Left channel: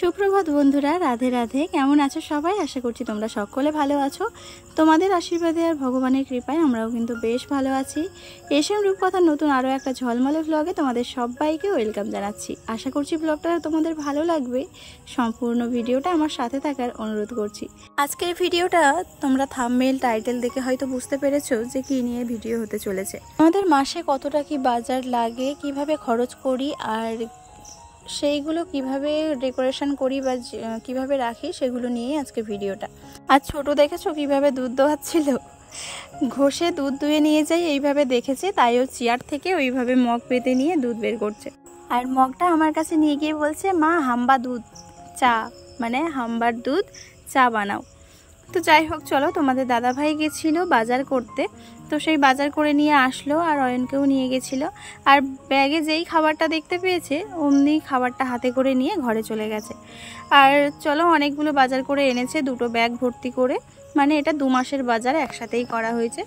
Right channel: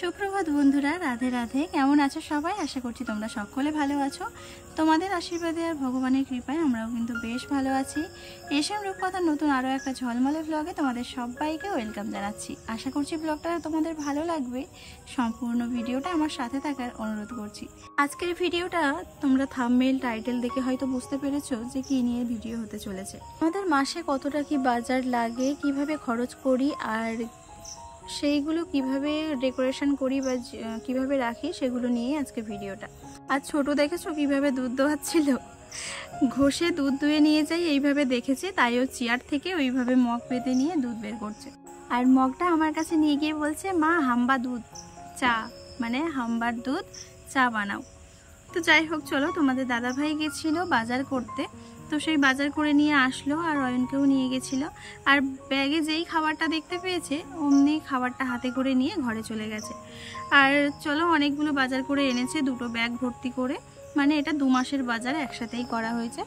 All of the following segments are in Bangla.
সুপ্রভাত বন্ধুরা, রাধে রাধে। কেমন আছো সবাই? আশা করছি তোমরা সকলে ভালো আছো। তোমাদের আশীর্বাদে আর ভগবানের কৃপায় আমরাও কিন্তু বেশ ভালো আছি। এশিয়ান রূপকথার নতুন আরও একটা ঝলমলে ব্লগে তোমাদের সবাইকে ওয়েলকাম জানাচ্ছি। আশা করছি ব্লগটা তোমাদের ভালো লাগবে। সম্পূর্ণ ভিডিওটা আমার সাথে থাকার অনুরোধ করছি। আজকের ভিডিওটা তোমরা থাম্বনেল টাইটেল দেখে হয়তো বুঝতে পেরেছো যে কি নিয়ে ভিডিও হতে চলেছে। আমাদের মাসে কতটা কি বাজার লাগে, কিভাবে খরচ করি, আর সেইগুলো কিভাবে ডেকোরেশন করি বা কিভাবে রাখি, সেগুলো নিয়ে আজকে ভিডিওটা। আর ছোট দেখেছো কিভাবে দুধ দোয়াচ্ছিল, ঘষে দুধ দুয়ে নিয়ে যাই এইভাবে দেখেছে, তাই ও চেয়ার থেকে ওইভাবে মগ পেতে নিয়ে দুধ বের করছে। আর মগটা আমার কাছে নিয়ে গিয়ে বলছে, মা হাম্বা দুধ চা, মানে হাম্বার দুধ চা বানাও। তো যাই হোক, চলো, তোমাদের দাদাভাই গেছিল বাজার করতে, তো সেই বাজার করে নিয়ে আসলো আর অয়নকেও নিয়ে গেছিলো। আর ব্যাগে যেই খাবারটা দেখতে পেয়েছে অমনি খাবারটা হাতে করে নিয়ে ঘরে চলে গেছে। আর চলো, অনেকগুলো বাজার করে এনেছে, দুটো ব্যাগ ভর্তি করে, মানে এটা 2 মাসের বাজার একসাথেই করা হয়েছে।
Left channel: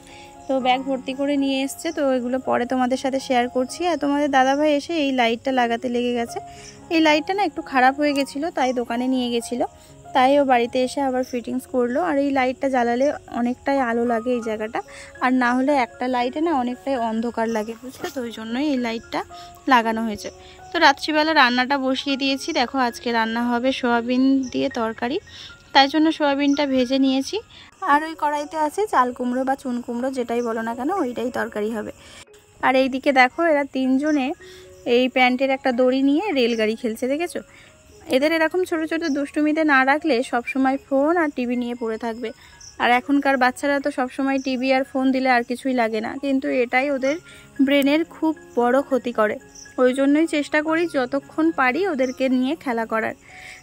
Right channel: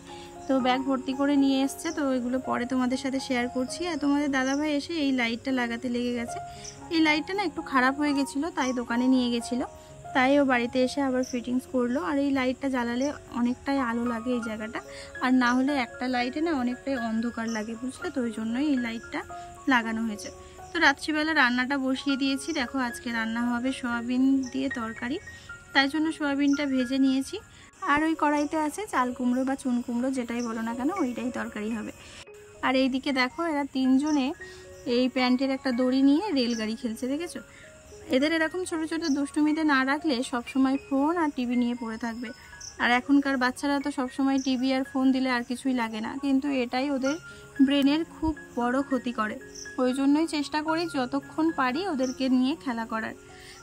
তো ব্যাগ ভর্তি করে নিয়ে এসছে, তো এগুলো পরে তোমাদের সাথে শেয়ার করছি। আর তোমাদের দাদাভাই এসে এই লাইটটা লাগাতে লেগে গেছে। এই লাইটটা না একটু খারাপ হয়ে গেছিলো, তাই দোকানে নিয়ে গেছিলো, তাই ও বাড়িতে এসে আবার ফিটিংস করলো। আর এই লাইটটা জ্বালালে অনেকটাই আলো লাগে এই জায়গাটা, আর না হলে একটা লাইটে না অনেকটাই অন্ধকার লাগে, বুঝলে? তো ওই জন্যই এই লাইটটা লাগানো হয়েছে। তো রাত্রিবেলা রান্নাটা বসিয়ে দিয়েছি। দেখো, আজকে রান্না হবে সয়াবিন দিয়ে তরকারি, তাই জন্য সয়াবিনটা ভেজে নিয়েছি। আর ওই কড়াইতে আছে চাল কুমড়ো বা চুন কুমড়ো, যেটাই বলো না কেন, ওইটাই তরকারি হবে। আর এইদিকে দেখো, এরা 3 জনে এই প্যান্টের একটা দড়ি নিয়ে রেলগাড়ি খেলছে, দেখেছো? এদের এরকম ছোট ছোট দুষ্টুমিতে না রাখলে সব সময় ফোন আর টিভি নিয়ে পড়ে থাকবে। আর এখনকার বাচ্চারা তো সব সময় টিভি আর ফোন দিলে আর কিছুই লাগে না, কিন্তু এটাই ওদের ব্রেনের খুব বড় ক্ষতি করে। ওই জন্যই চেষ্টা করি যতক্ষণ পারি ওদেরকে নিয়ে খেলা করার।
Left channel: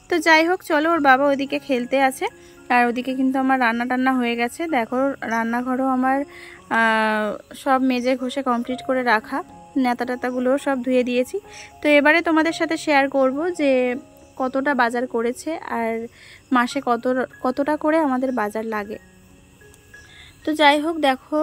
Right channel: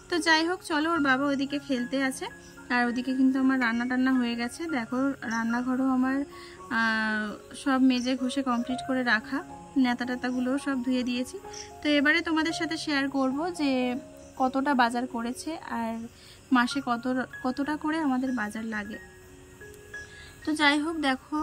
তো যাই হোক, চলো, ওর বাবা ওইদিকে খেলতে আছে, আর ওদিকে কিন্তু আমার রান্না টান্না হয়ে গেছে। দেখো, রান্নাঘরও আমার সব মেজে ঘষে কমপ্লিট করে রাখা, নেতা টেতাগুলোও সব ধুয়ে দিয়েছি। তো এবারে তোমাদের সাথে শেয়ার করব যে কতটা বাজার করেছে আর মাসে কতটা করে আমাদের বাজার লাগে। তো যাই হোক, দেখো,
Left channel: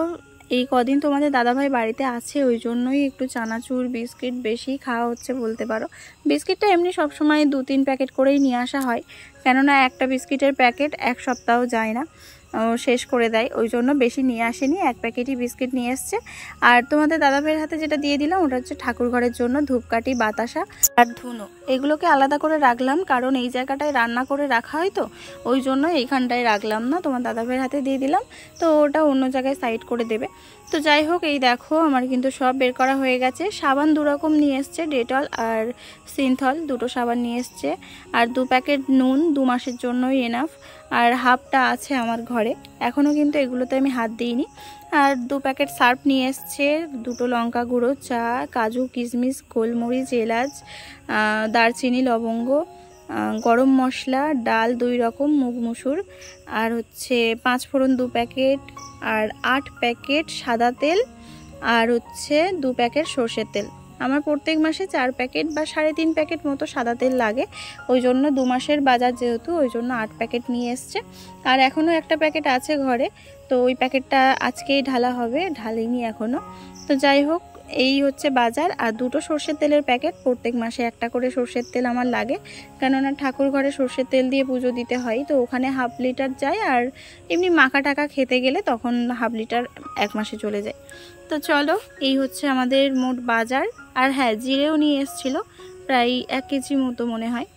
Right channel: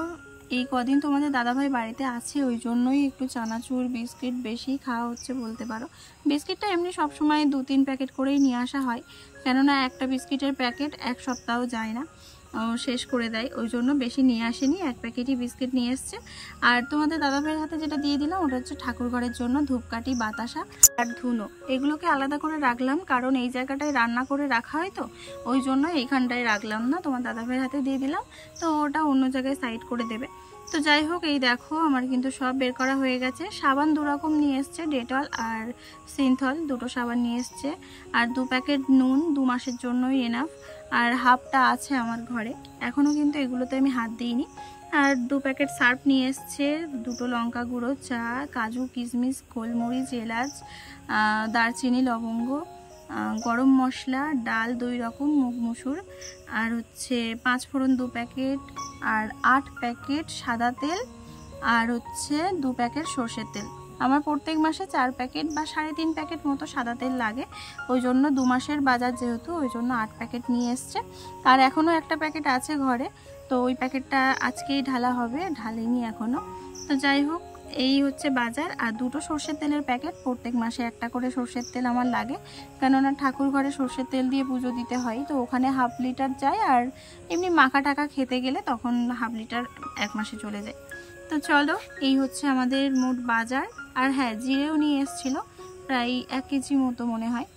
এই কদিন তোমাদের দাদাভাই বাড়িতে আছে, ওই জন্যই একটু চানাচুর বিস্কিট বেশি খাওয়া হচ্ছে বলতে পারো। বিস্কিটটা এমনি সবসময় 2-3 প্যাকেট করেই নিয়ে আসা হয়, কেননা একটা বিস্কিটের প্যাকেট 1 সপ্তাহ যায় না, শেষ করে দেয়, ওই জন্য বেশি নিয়ে আসেনি, 1 প্যাকেটই বিস্কিট নিয়ে এসছে। আর তোমাদের দাদাভাইয়ের হাতে যেটা দিয়ে দিলাম ওটা হচ্ছে ঠাকুর ঘরের জন্য ধূপকাঠি, বাতাসা আর ধুনো। এগুলোকে আলাদা করে রাখলাম, কারণ এই জায়গাটায় রান্না করে রাখা হয়, তো ওই জন্য এইখানটায় রাখলাম না, তোমার দাদাভাইয়ের হাতে দিয়ে দিলাম, তো ওটা অন্য জায়গায় সাইড করে দেবে। তো যাই হোক, এই দেখো আমার কিন্তু সব বের করা হয়ে গেছে। সাবান 2 রকম নিয়ে এসছে, ডেটল আর সিনথল, দুটো সাবান নিয়ে এসছে। আর 2 প্যাকেট নুন 2 মাসের জন্যই এনাফ। আর হাফটা আছে আমার ঘরে, এখনও কিন্তু এগুলোতে আমি হাত দিইনি। আর 2 প্যাকেট সার্ফ নিয়ে এসছে, 2টো লঙ্কা গুঁড়ো, চা, কাজু, কিশমিশ, গোলমরিচ, এলাচ, দারচিনি, লবঙ্গ, গরম মশলা, ডাল 2 রকম, মুগ মুসুর, আর হচ্ছে 5 ফোড়ন 2 প্যাকেট, আর 8 প্যাকেট সাদা তেল, আর হচ্ছে 2 প্যাকেট সর্ষের তেল। আমার প্রত্যেক মাসে 4 প্যাকেট বা 3.5 প্যাকেট মতো সাদা তেল লাগে, ওই জন্য 2 মাসের বাজার যেহেতু, ওই জন্য 8 প্যাকেট নিয়ে এসছে। আর এখনও একটা প্যাকেট আছে ঘরে, তো ওই প্যাকেটটা আজকেই ঢালা হবে, ঢালিনি এখনও। তো যাই হোক, এই হচ্ছে বাজার। আর 2টো সর্ষের তেলের প্যাকেট, প্রত্যেক মাসে একটা করে সর্ষের তেল আমার লাগে, কেননা ঠাকুর ঘরে সর্ষের তেল দিয়ে পুজো দিতে হয়, তো ওখানে হাফ লিটার যায়, আর এমনি মাখা টাকা খেতে গেলে তখন হাফ লিটার 1 মাসে চলে যায়। তো চলো, এই হচ্ছে আমাদের মোট বাজার। আর হ্যাঁ, জিরেও নিয়ে এসেছিলো, প্রায় 1 কেজি মতো মনে হয়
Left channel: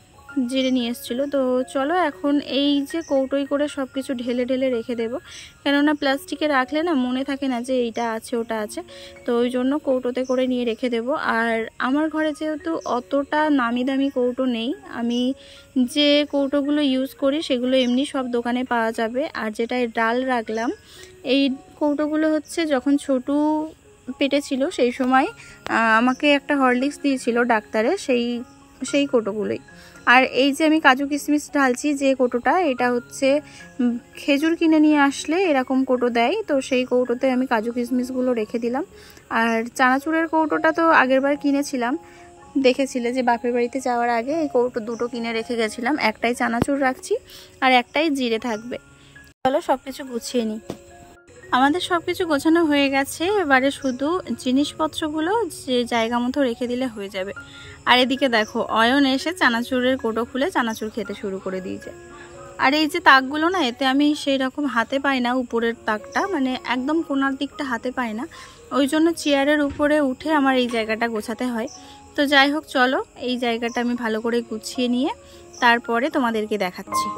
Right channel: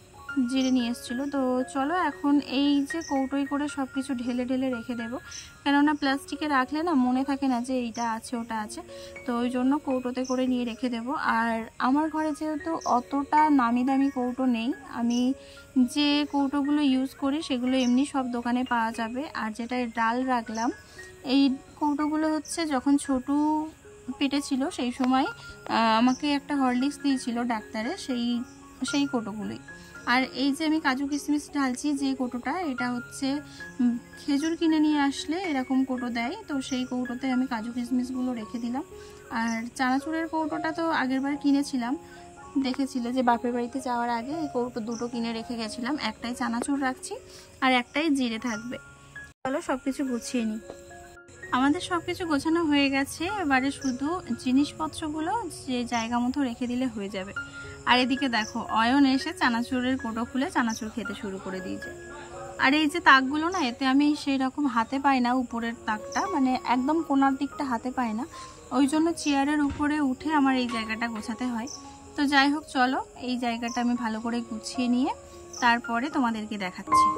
জিরে নিয়ে এসেছিলো। তো চলো, এখন এই যে কৌটোই করে সব কিছু ঢেলে ঢেলে রেখে দেবো, কেননা প্লাস্টিকে রাখলে না মনে থাকে না যে এইটা আছে ওটা আছে, তো ওই জন্য কৌটোতে করে নিয়ে রেখে দেবো। আর আমার ঘরে যেহেতু অতটা নামি দামি কৌটো নেই, আমি যে কৌটোগুলো ইউজ করি সেগুলো এমনি সব দোকানে পাওয়া যাবে। আর যেটা ডাল রাখলাম, এই কৌটোগুলো হচ্ছে যখন ছোটু পেটে ছিল সেই সময় আমাকে একটা হরলিক্স দিয়েছিল ডাক্তারে, সেই কৌটোগুলোই। আর এই যে আমি কাজু কিশমিশ ঢালছি যে কৌটোটা, এটা হচ্ছে খেজুর কিনে নিয়ে আসলে এরকম কৌটো দেয়, তো সেই কৌটোতে আমি কাজু কিশমিশগুলো রেখে দিলাম। আর চানাচুরের কৌটোটা তো আগেরবার কিনেছিলাম, দেখেছিলে যে বাপের বাড়িতে যাওয়ার আগে এই কৌটো 2টো কিনে রেখে গেছিলাম, একটাই চানাচুর রাখছি আর একটাই জিরে থাকবে। চলো সব কিছু গুছিয়ে নিই। আমাদের সব কিছু গোছানো হয়ে গেছে, এবারে শুধু জিনিসপত্রগুলো যে জায়গা মতো রেখে দিলে হয়ে যাবে। আর এদিকে দেখো অয়ন এসে চানাচুরের কোটো খুলে চানাচুর খেতে শুরু করে দিয়েছে। আর এই যে তাকগুলো না, এতে আমি সেই রকম হাতে পাই না, উপরের তাকটা মানে একদম কোনার দিকটা হাতে পাই না, ওই জন্য চেয়ারের উপরে উঠে আমার এই জায়গাটা গোছাতে হয়। তো যাই হোক চলো, এই জায়গাটা আমি ভালো করে গুছিয়ে নিয়ে তারপরে তোমাদেরকে দেখাচ্ছি।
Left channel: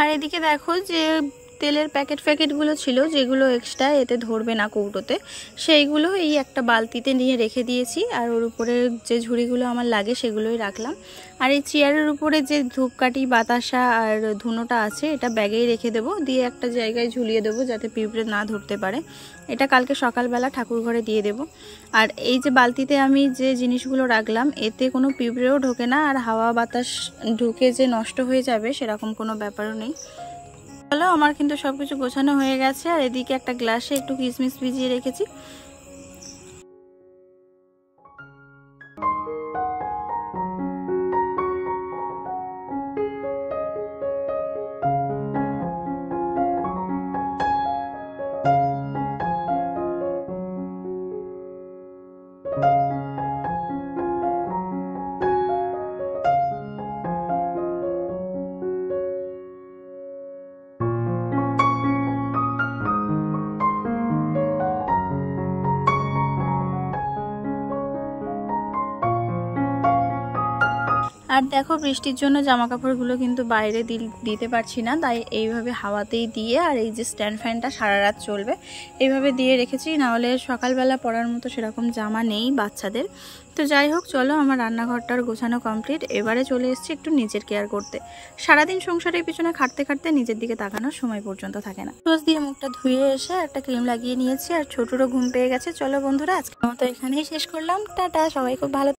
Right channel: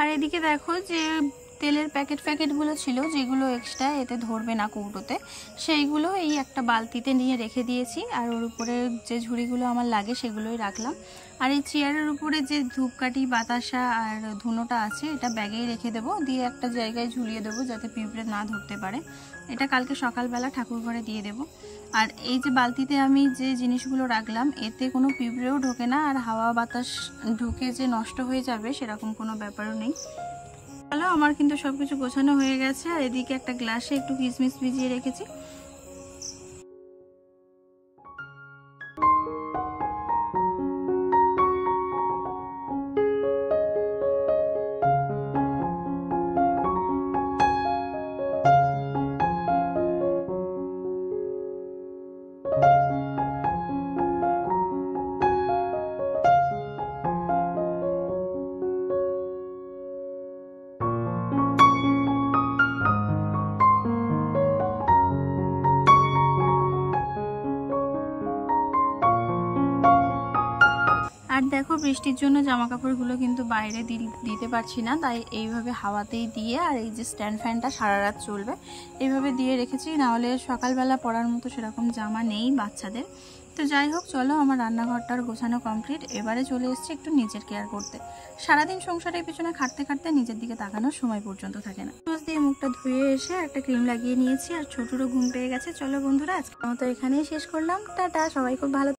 আর এদিকে দেখো যে তেলের প্যাকেটগুলো ছিল, যেগুলো এক্সট্রা এতে ধরবে না কৌটোতে, সেইগুলো এই একটা বালতিতে নিয়ে রেখে দিয়েছি। আর ওর উপরে যে ঝুড়িগুলো আমার লাগে সেগুলোই রাখলাম। আর এই চেয়ারের উপরে যে ধূপকাঠি, বাতাসা আর ধুনোটা আছে, এটা ব্যাগেই রেখে দেবো, দিয়ে একটা জায়গায় ঝুলিয়ে দেবো যাতে পিঁপড়ে না ধরতে পারে। এটা কালকে সকালবেলা ঠাকুর ঘরে দিয়ে দেব। আর এই যে বালতিতে আমি যে জিনিসগুলো রাখলাম, এতে কোনো পিঁপড়েও ঢোকে না, আর হাওয়া বাতাস ঢুকে যে নষ্ট হয়ে যাবে সেরকম কোনো ব্যাপারও নেই। চলো, আমার কিন্তু সবকিছু গোছানো হয়ে গেছে। আর এদিকে একটা গ্লাসে একটু কিশমিশ ভিজিয়ে রেখেছি। আর দেখো বৃষ্টির জন্য জামা কাপড়গুলো কিন্তু বাইরে দিতে পারছি না, তাই এইভাবে হাওয়াতেই দিয়ে, আর এই যে স্ট্যান্ড ফ্যানটা সারা রাত চলবে এইভাবে দিয়ে রেখেছি, নাহলে সকালবেলা পরার মতো সেরকম জামা নেই বাচ্চাদের। তো যাই হোক চলো, আমার রান্নাঘরটার গোছানো কমপ্লিট। এবারে চলে এসেছি একটু নিজের কেয়ার করতে। সারাদিন সংসারের পিছনে খাটতে খাটতে নিজের দিকে তাকানোর সময় পর্যন্ত থাকে না। রোজ দিয়ে মুখটা ধুয়ে এসে একটা ক্রিম লাগিয়ে নিয়েছি, আর ছোটরও ঘুম পেয়ে গেছে। চলো বন্ধুরা, আজকের মতো এখানেই শেষ করলাম। টাটা, সবাই খুব ভালো